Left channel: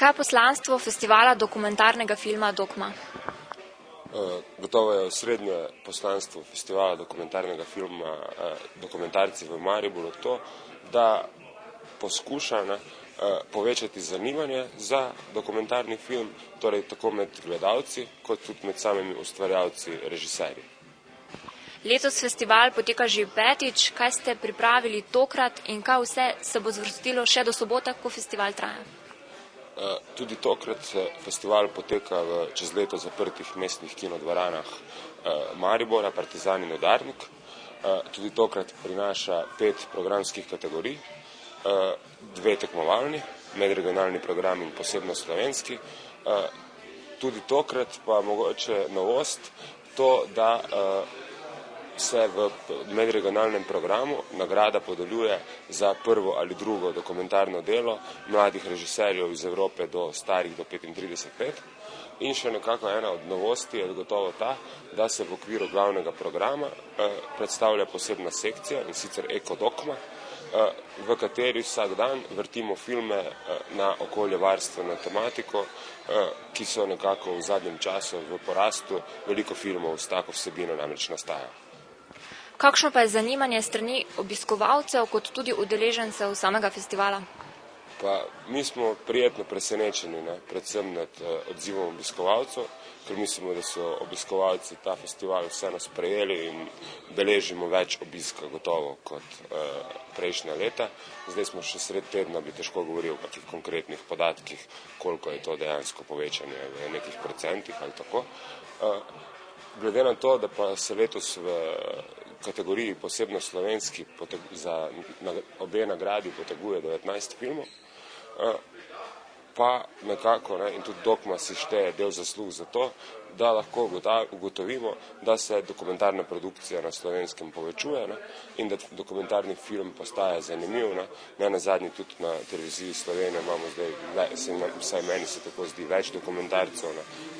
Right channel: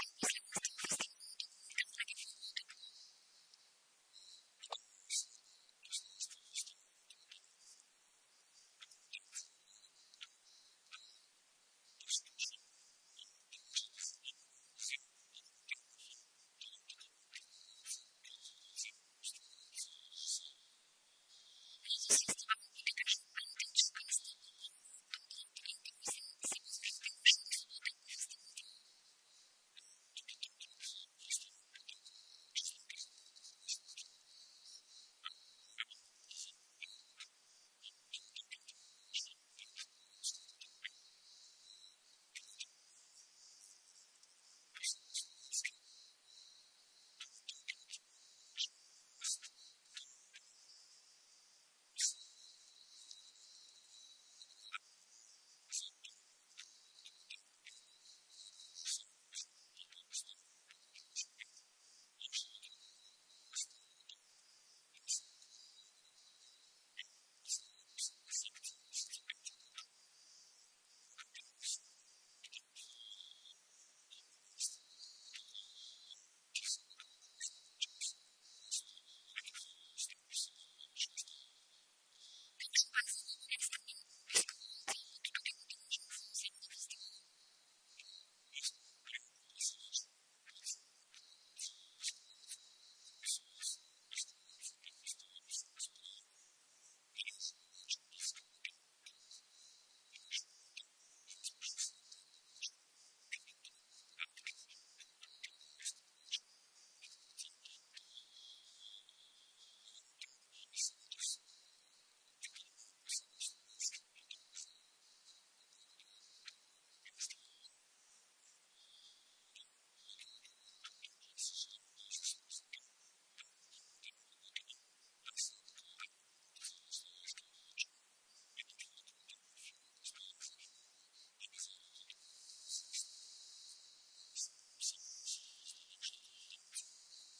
Kaj je poslanstvo festivala dokumentarnega filma Dokma? Gotovo je osrednje poslanstvo festivala dokumentarnega filma Dokumentarci v Mariboru to, da poskuša povečati zanimanje za dokumentarni film, torej tako med gledalci, kot tudi med samimi ustvarjalci, režiserji. Letos festival poteka že petič. Kaj ste pripravili tokrat in kaj vse se bo zvrstilo še do sobote, ko festival traja? Tudi tokrat festival poteka v čez leto zaprtih mestnih kinodvoranah Maribora, Partizan in Udarnik. Tudi tokrat prinaša 5 programskih kategorij, 2 tekmovalni, medregionalni program in posebno slovenski. Tudi tokrat pa mogoče novost to, da se v medregionalnem programu nagrada podeljuje za prvo ali drugo dokumentarno delo mladih režiserjev iz Evrope do starih do 35 let. In še nekako ena od novosti je gotovo ta, da se v okviru glavnega programa predstavlja posebna sekcija, in sicer Ekodokma, v kateri vsak dan vrtimo filme na okoljevarstveno tematiko, ki so nekako v zadnjem času v porastu. Veliko filmov s tako vsebino namreč nastaja. Kakšno pa je zanimanje strani obiskovalcev kot tudi udeležencev samega festivala? Mi smo prijetno presenečeni, predvsem nad odzivom obiskovalcev, ker mislimo, da so obiskovalci ta festival vseeno sprejeli in beležimo več obiska gotovo kot prejšnja leta. Zdaj smo še sred tedna, bi težko govoril o kakih konkretnih podatkih, koliko je to dejansko povečanje v nekih procentih ali tako. Glede na to, da pa se letos v kategoriji posebno slovenski za obe nagradi poteguje 19 filmov, pa nekako, in tudi Dokma si šteje del zaslug za to, da lahko ugotovimo, da se dokumentarna produkcija na Slovenskem povečuje in da dokumentarni film postaja zanimiv. Ne nazadnje tudi na televiziji Slovenije imamo zdaj, vsaj meni se tako zdi, več dokumentarcev.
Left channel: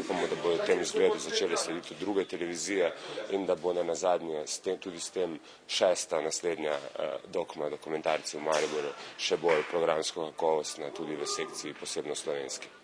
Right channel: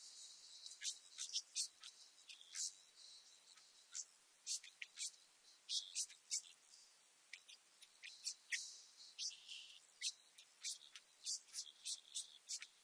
Upamo, da bodo tem izgledu začele slediti druge televizije in da bo ne nazadnje tudi s tem 6. naslednja Dokma Dokumentarci v Mariboru še bolj programsko kakovostna tudi v sekciji posebno slovenski.